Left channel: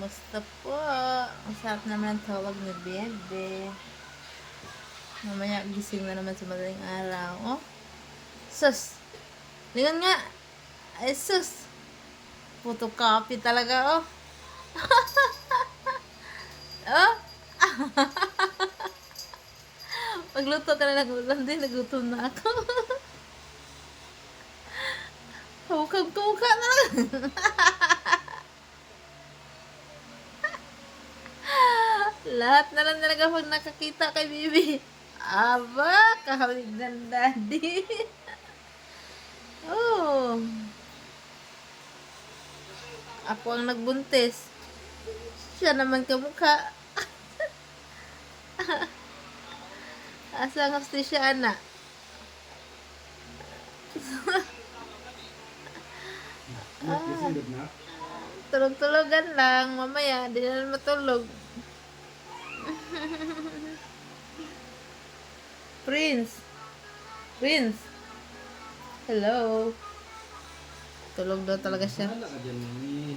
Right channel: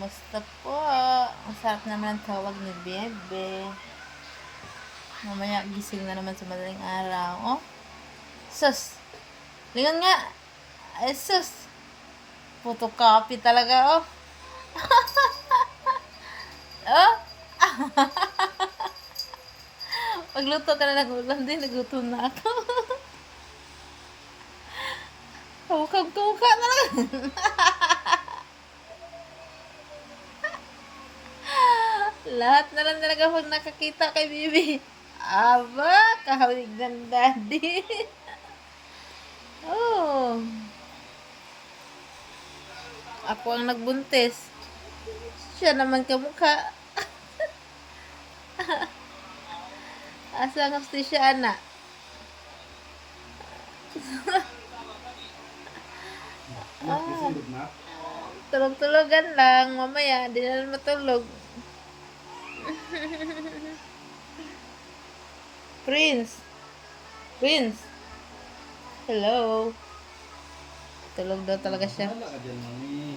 Kumusta po? Ang sarap naman ang tawag ni Bebe. Mamaya gising na naman sa madaling araw. Oh, sus! Lingon nga! Ay, sus! Photocopy talaga, oh. Oh! Magluto ka na ng ulam din. Nagutom na ako. Kamukha na lang. Lahat na lang talaga pag nakakita kay Bibi. Aba, kahawig ng daddy. Oh. Ako ang nagbuntis. Siya naman kamukha. Asa ang hostisya, anak? Tulog-tulogan lang. Mamaya, di na lang matulog. Prince. Prince. Hello. Tulog daw talaga siya. Wala ka dyan, mami.